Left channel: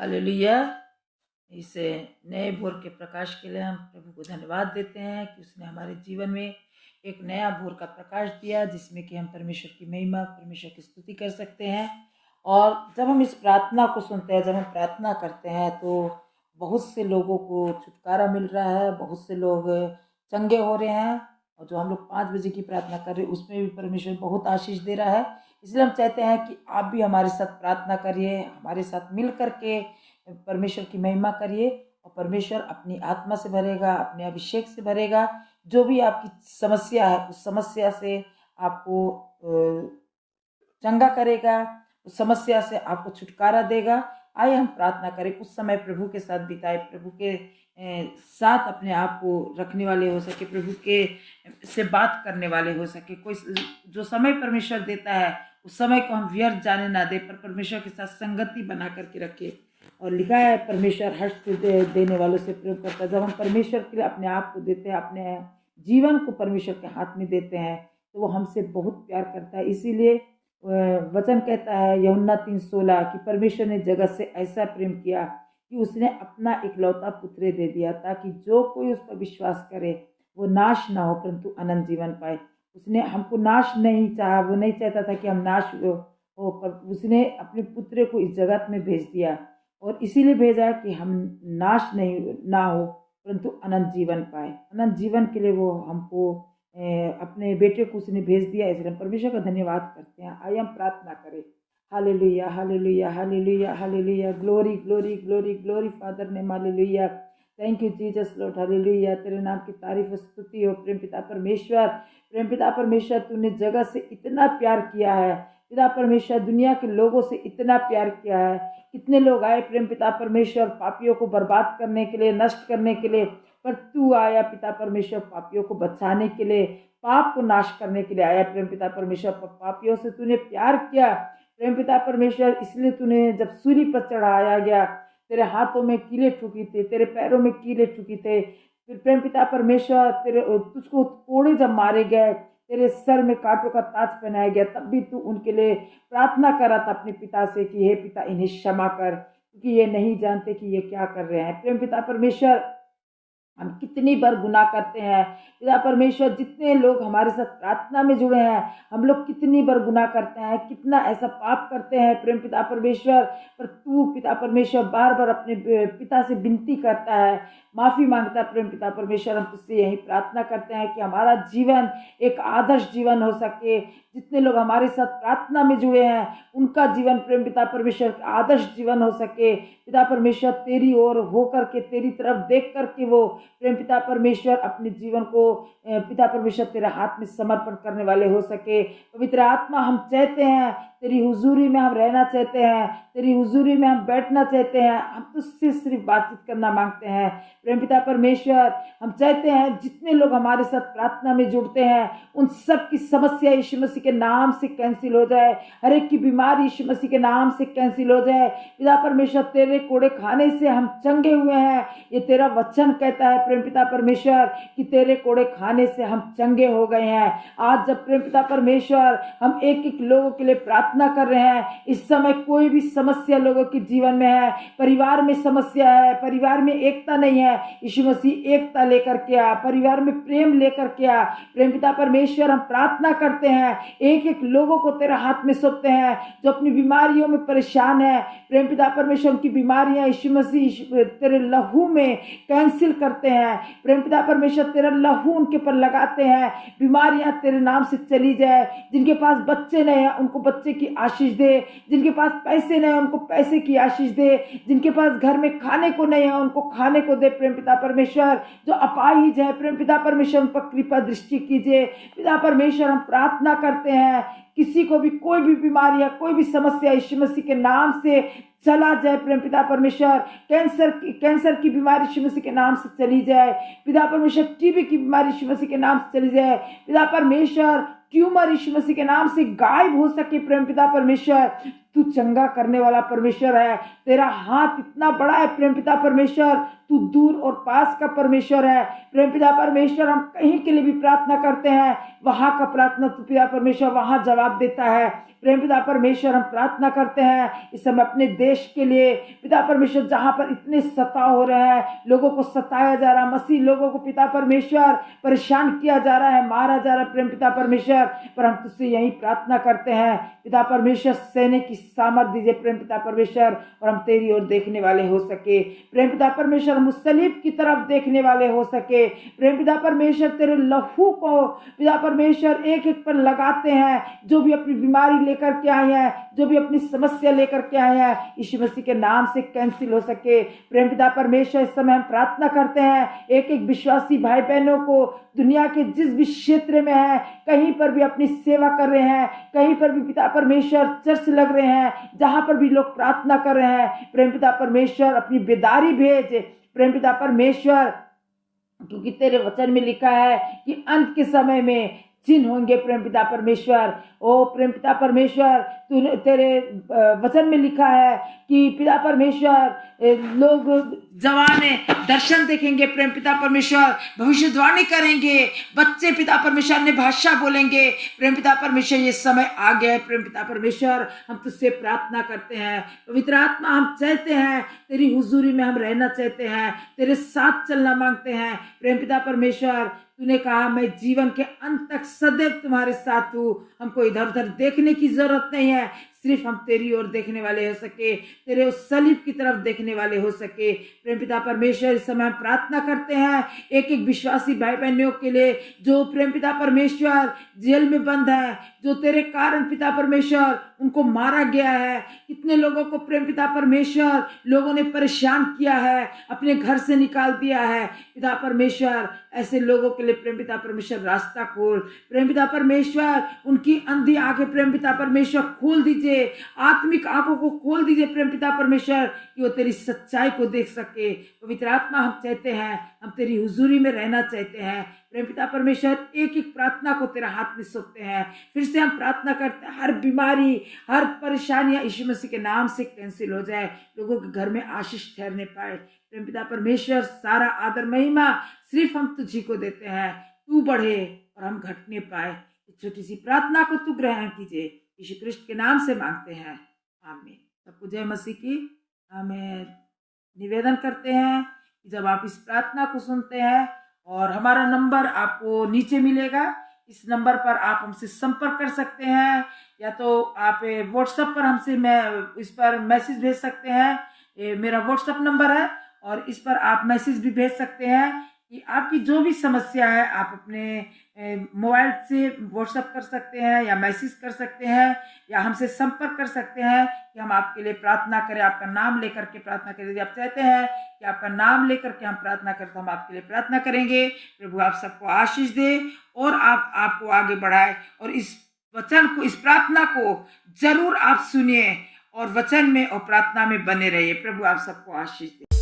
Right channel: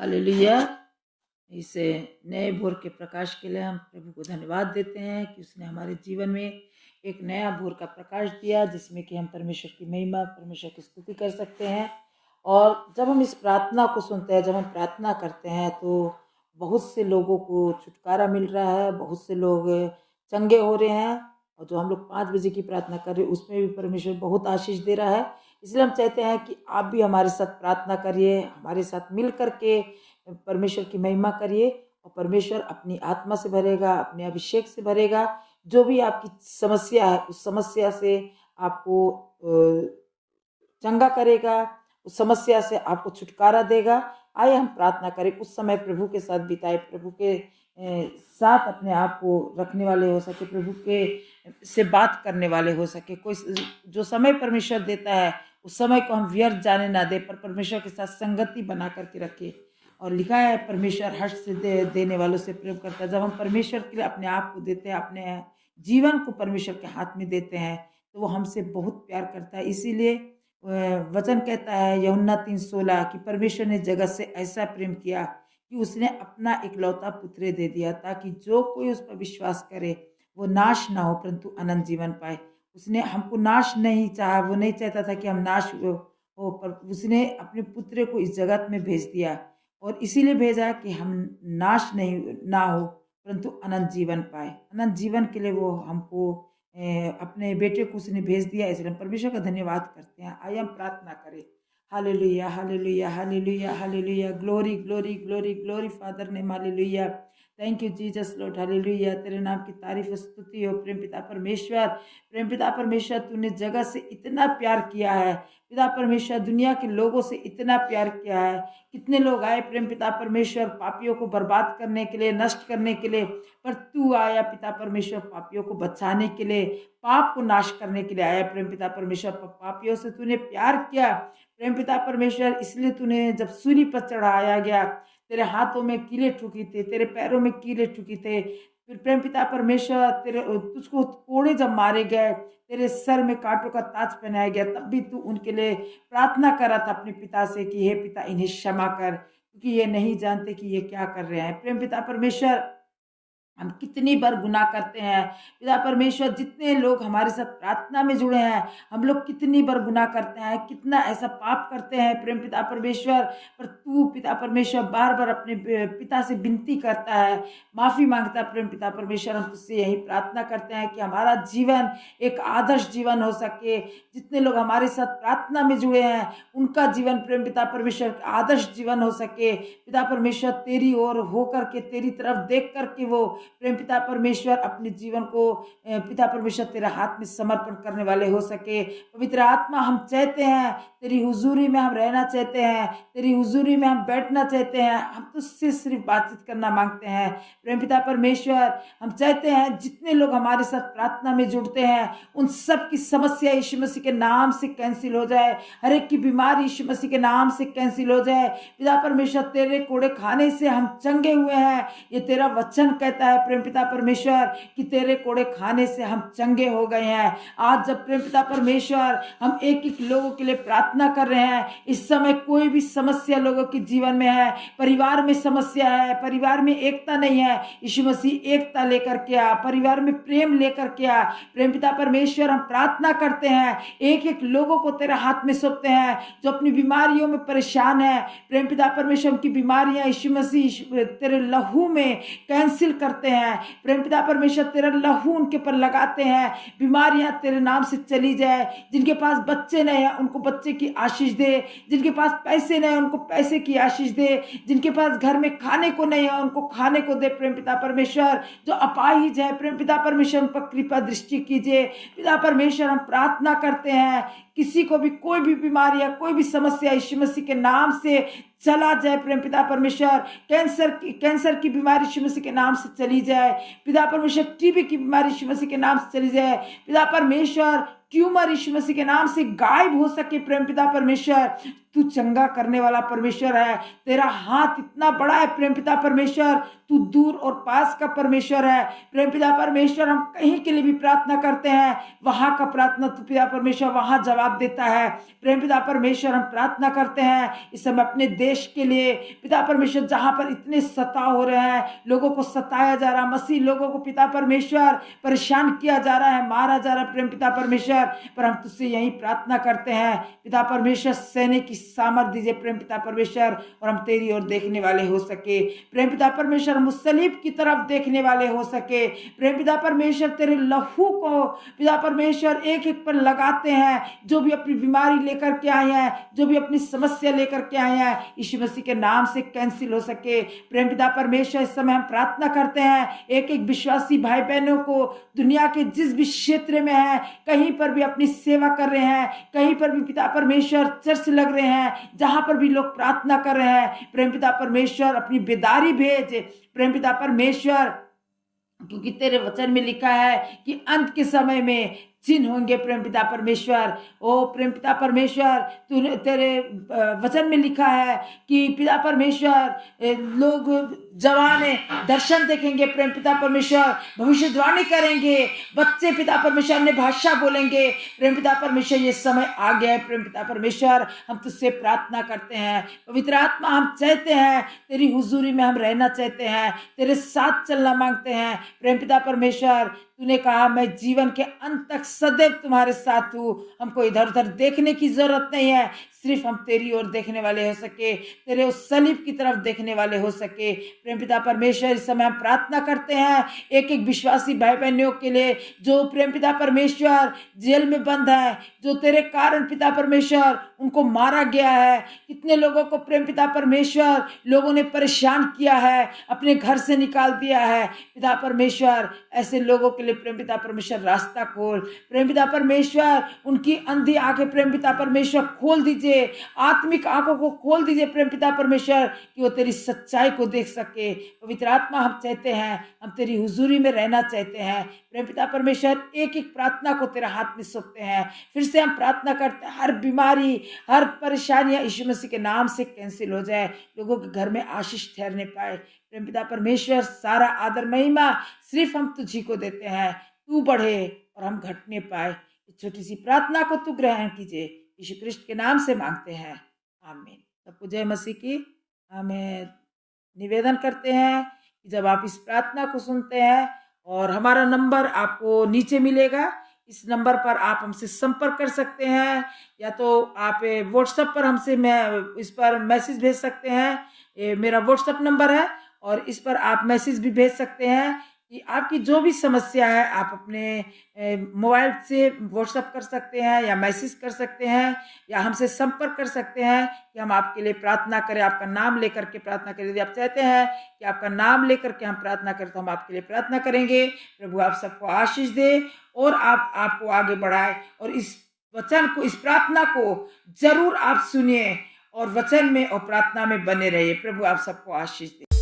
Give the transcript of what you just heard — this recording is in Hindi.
हालेलुया। इस नए भोर के प्रकाश के लिए हम प्रभु को धन्यवाद देते हैं कि उसने हमारे जीवन में एक नया भोर का प्रकाश दिया, जिसमें कि हम परमेश्वर की महिमा, परमेश्वर की स्तुति कर सकते हैं। और जब हम इस प्रार्थना को सुनते हैं, जब हम प्रार्थना करते हैं, तो बहुत से लोगों को छुटकारा मिल रहा है, बहुत से लोग चंगे हो रहे हैं। और जो हम लोग 5 बजे की प्रार्थना कर रहे हैं, उसमें भी परमेश्वर बहुत आशीष दे रहा है। इसलिए हम चाहते हैं कि आप भी हमारे साथ प्रार्थना करिए, हमारे साथ मिल कर के परमेश्वर की महिमा करिए, और परमेश्वर अपनी आत्मा से भरेगा, अपने अभिषेक से भरेगा। जो भी आपकी समस्या है, उस समस्या से आपको चंगा करेगा, उस समस्या से आपको छुटकारा देगा। आइए हम प्रार्थना करें, कुछ समय प्रभु के साथ बिताए, प्रभु के साथ अपने आप को रखने वाले हो सके, प्रभु के से बात करने वाले हो सके। कोई जो समय परमेश्वर देता है, उस समय को हम व्यर्थ जाने ना दे, पर परमेश्वर के साथ संगति बना करके रखे। और लिखा है, परमेश्वर हर्ष से देने वालों से प्रेम करता है। जब हम परमेश्वर के लिए अपने आप को देते हैं, अपने जीवन को परमेश्वर के हाथ में देते हैं, तो वो हमसे बहुत प्यार करता है। इसीलिए वचन कहता है यूहन्ना 3:16 कि परमेश्वर ने जगत से ऐसा प्रेम किया कि उसने अपना इकलौता पुत्र दे दिया, ताकि जो कोई उस पर विश्वास करे वो नाश ना हो परंतु अनंत जीवन पाए। उसने हमको नाश नहीं चाहा, वो नहीं चाहता था कि हम नाश हो, पर उसने अपने पुत्र को इस जगत में भेज दिया, और इसीलिए भेजा कि हम नाश नहीं ना हो परंतु अनंत जीवन पाए। अनंत जीवन के लिए वो हमको अपने बेटे को उसने भेज दिया। इसलिए हम परमेश्वर का धन्यवाद करते हैं। आइए हम प्रार्थना करें। Hallelujah, hallelujah, hallelujah, hallelujah. Glory, glory, glory, glory father name. Hallelujah. Thank you Jesus Lord. Hallelujah. तेरे नाम की तारीफ स्तुति हो प्रेम पिता परमेश्वर। प्रेम पिता परमेश्वर, तूने जगत से इतना प्यार किया है। पिता परमेश्वर, दुनिया के लोगों से इतना प्यार किया है। कितने लोग आए प्रेम पिता परमेश्वर पापियों को बर्बाद करने के लिए, नष्ट करने के लिए, पर तू आया पिता परमेश्वर पापियों को बचाने के लिए, पाप को नाश करने के लिए आया प्रेम पिता परमेश्वर। पापियों से तूने प्यार किया प्रेम पिता परमेश्वर, इसलिए तूने जब सूली पर चढ़ाया गया, तेरे हाथों में कीले ठुकी थे, तेरे पैरों में कीले ठुकी थे। फिर प्रेम पिता परमेश्वर तेरे तुझको कोड़े जब मारे गए, तेरे सर में कांटों का ताज पहनाया गया, तब भी तू उनके लिए प्रार्थना कर रहा था अपने पिता से कि हे पिता, इन्हें क्षमा कर, क्योंकि ये नहीं जानते कि ये क्या कर रहे हैं। प्रेम पिता परमेश्वर, हम कितनी बार गुनाह करते हैं पिता परमेश्वर। जितने लोग हमारे साथ प्रार्थना में जुड़े हैं, हम लोग कितनी बार गुनाह करते हैं, कितना ऐसा पाप करते हैं प्रेम पिता परमेश्वर। पर तू पिता परमेश्वर बार बार अपने पिता से विनती करता है, माफ़ी मांगता है प्रेम पिता परमेश्वर। हम तुझसे यही प्रार्थना करते हैं कि हमारा जीवन एक आदर्श जीवन हो सके। जितने लोग हमारे साथ प्रार्थना में जुड़े हैं, उनका जीवन प्रेम पिता परमेश्वर आदर्श जीवन हो सके। पिता परमेश्वर, तेरी ओर होकर के, तेरी तरफ देख करके वो प्रेम पिता परमेश्वर अपने जीवन को पिता परमेश्वर तेरे हाथ में समर्पण करने वाले हो सके। पवित्र आत्मा, हम चाहते हैं तेरी हुजूरी में हम रहना चाहते हैं, तेरी हुजूरी में हम बैठना चाहते हैं, हम तुझसे सिर्फ बातचीत करना मांगते हैं प्रेम पिता परमेश्वर। हम चाहते हैं जितने लोग हमारे साथ प्रार्थना में जुड़ते हैं, उन सब की समस्या यीशु मसीह के नाम से कैंसिल हो जाए। हर एक की बीमारी यीशु मसीह के नाम से कैंसिल हो जाए। पिता परमेश्वर, तेरे कोड़े खाने से हम चंगे हुए हैं, ये तेरा वचन कहता है प्रेम पिता परमेश्वर कि तेरे कोड़े खाने से हम चंगे हो गए हैं। आज जब प्रेम पिता परमेश्वर हम एक एक लोगों के लिए प्रार्थना कर रहे हैं, इस समय कोई भी समस्या लोगों के जीवन में है, परिवार में समस्या है, परिवार में एकता नहीं है, यीशु मसीह एकता लेकर के आ, परिवार में प्रेम लेकर के आ प्रेम पिता परमेश्वर। हम प्रार्थना करते हैं, एक एक लोगों को तेरे हाथ में सौंपते हैं जो अपनी बीमारियों में परेशान है प्रेम पिता परमेश्वर। उनकी बीमारियां यीशु मसीह तेरे लहू में कैंसिल करते हैं प्रेम पिता परमेश्वर। तेरा लहू उनके पर लगाते हैं, बीमारियां तेरे नाम से चली जाए। जिनके पास बच्चे नहीं है, उनको बच्चे की आशीष दे। जिनके पास पैसे नहीं है, उनको पैसे की आशीष दे। जिनके पास घर में खाने को नहीं है, उनको खाने को दे प्रेम पिता परमेश्वर। जो अपाहिज है प्रेम पिता परमेश्वर, उन पर कृपा दृष्टि कीजिए पिता परमेश्वर। हम प्रार्थना करते हैं, किसी को भी कोई भी बीमारी या कोई भी समस्या यीशु मसीह के नाम से चला जाए प्रेम पिता परमेश्वर। कैंसर की बीमारी यीशु मसीह के नाम से चली जाए पिता परमेश्वर। टीबी की बीमारी यीशु मसीह के नाम से चली जाए पिता परमेश्वर। ट्यूमर यीशु मसीह के नाम से गायब हो सके प्रेम पिता परमेश्वर। तू चंगा करने वाला परमेश्वर है, तेरा हाथ इतना बड़ा है प्रेम पिता परमेश्वर, तू दूर और पास का परमेश्वर है। प्रेम पिता परमेश्वर, हम कहीं के लिए भी प्रार्थना करते हैं, वहां का प्रार्थना तू पिता परमेश्वर वहां जवाब देता है। प्रेम पिता परमेश्वर, हम प्रार्थना करते हैं इस समय अपने देश के लिए पिता परमेश्वर, जहां पर इतने सताव हो रहे हैं, लोगों को सताया जा रहा है, मसीह लोगों को पिता परमेश्वर परेशान किया जा रहा है, मारा जा रहा है प्रेम पिता परमेश्वर, पर हम तुझसे यही प्रार्थना करते हैं पिता परमेश्वर, सहने की सामर्थ दीजिए प्रेम पिता परमेश्वर, और हम तेरी ओर देखने वाले हो सके। प्रेम पिता परमेश्वर, हम उस सलीब की तरफ देखने वाले हो सके। प्रेम पिता परमेश्वर, तेरे लहू को पिता परमेश्वर एक एक पर लगाते हैं, जो भी अपनी बीमारी लेकर के आए हैं, जो भी अपनी समस्या लेकर के आए हैं, यीशु मसीह के नाम से कैंसिल हो सके। प्रेम पिता परमेश्वर, इस समय हम प्रार्थना करते हैं एक एक विश्वासी भाई बहनों को, दुनिया के जिस भी क्षेत्र में है, कहीं पर भी अपनी सेवा कर रहे हैं, कहीं पर भी पिता परमेश्वर चर्च लग रहे हैं, जहां पर भी लोग प्रार्थना कर रहे हैं, प्रेम पिता परमेश्वर अपनी बेदारी भेज प्रेम पिता परमेश्वर, क्योंकि तेरे वचन में लिखा है कि अंत के समय में चिन्ह होंगे प्रेम पिता परमेश्वर। ओ प्रेम पिता परमेश्वर, तूने तेरे वचन में लिखा है कि पिता परमेश्वर लोग जवान दर्शन देखेंगे प्रेम पिता परमेश्वर, भविष्यवाणी करेंगे, बच्चे पिता परमेश्वर ने भाषा बोलेंगे प्रेम पिता परमेश्वर। ये समय आ गया है प्रेम पिता परमेश्वर, हम तुझसे प्रार्थना करते हैं पवित्र आत्मा, हम चाहते हैं तेरी हुजूरी में हम रहना चाहते हैं, तेरे साथ चलना मांगते हैं प्रेम पिता परमेश्वर। तूने कहा मैं जीवन के अंत तक सदैव तुम्हारे साथ हूँ, हमको इधर उधर देखने की जरूरत नहीं है, सिर्फ हम तेरी ओर देखने वाले हो सके, तेरे उस सलीब की तरफ देखने वाले हो सके प्रेम पिता परमेश्वर। इस समय हम प्रार्थना करते हैं एक एक विश्वासी भाई बहनों के लिए जो प्रेम पिता परमेश्वर जेल में बंद है, जो तेरे कारण पिता परमेश्वर उनको मारा गया है। कितने लोगों को प्रेम पिता परमेश्वर लोगों ने परेशान किया है, अपने घर से निकाल दिया है पिता परमेश्वर। ऐसे लोगों के लिए प्रेम पिता परमेश्वर रास्ता खोल प्रेम पिता परमेश्वर, उनकी अंधी आंखें प्रेम पिता परमेश्वर खोल दीजिए, आत्मिक आंखों को खोल दीजिए प्रेम पिता परमेश्वर, कि वो तेरी सच्चाई को देख सके। पवित्र आत्मा, हम चाहते हैं, हम तेरी हुजूरी में रहना चाहते हैं प्रेम पिता परमेश्वर। एक एक प्रार्थना को तेरे हाथ में सौंपते हैं, फिर से हम प्रार्थना करते हैं हर बीमारी, हर परेशानियां यीशु मसीह के नाम से कैंसिल हो जाए, लोगों के घर में आशीष ठहरने पाए प्रेम पिता परमेश्वर। सारा आदर महिमा सिर्फ हम तुझी को देते हैं, तू बढ़े और हम घटने पाए। इस छोटी सी प्रार्थना को तू ग्रहण कीजिए, यीशु कृष्ण के नाम से मांगते हैं, आमीन। सबको जय मसीह की। हमें निवेदन करते हैं कि जब आप इस प्रार्थना को सुनते हैं, और हमारा नंबर आपको नीचे मिलेगा, इस नंबर पर आप हमसे संपर्क कर सकते हैं, या तो आप व्हाट्सएप पर हमसे इस पर मैसेज भेज सकते हैं। ये मेरा व्हाट्सएप नंबर है, और इस पर आप मैसेज भी भेज सकते हैं कि आपकी जो भी समस्या है आप अपने मोबाइल से व्हाट्सएप कर सकते हैं, या मैसेज कर सकते हैं, या हमसे संपर्क कर सकते हैं कि हम आपके लिए प्रार्थना करें, आपका नाम लेकर के प्रार्थना करें। यदि आप चाहते हैं कि आपका नाम लेकर के हम प्रार्थना करें, तो हम आपके लिए प्रार्थना करेंगे। प्रभु आप सबको आशीष दे और आपको आगे बढ़ाए, और इस वचन को, इस प्रार्थना को जरूर आप सुनिए और वचन में और प्रार्थना में बने रहिए। प्रभु आप सबको आशीष दे।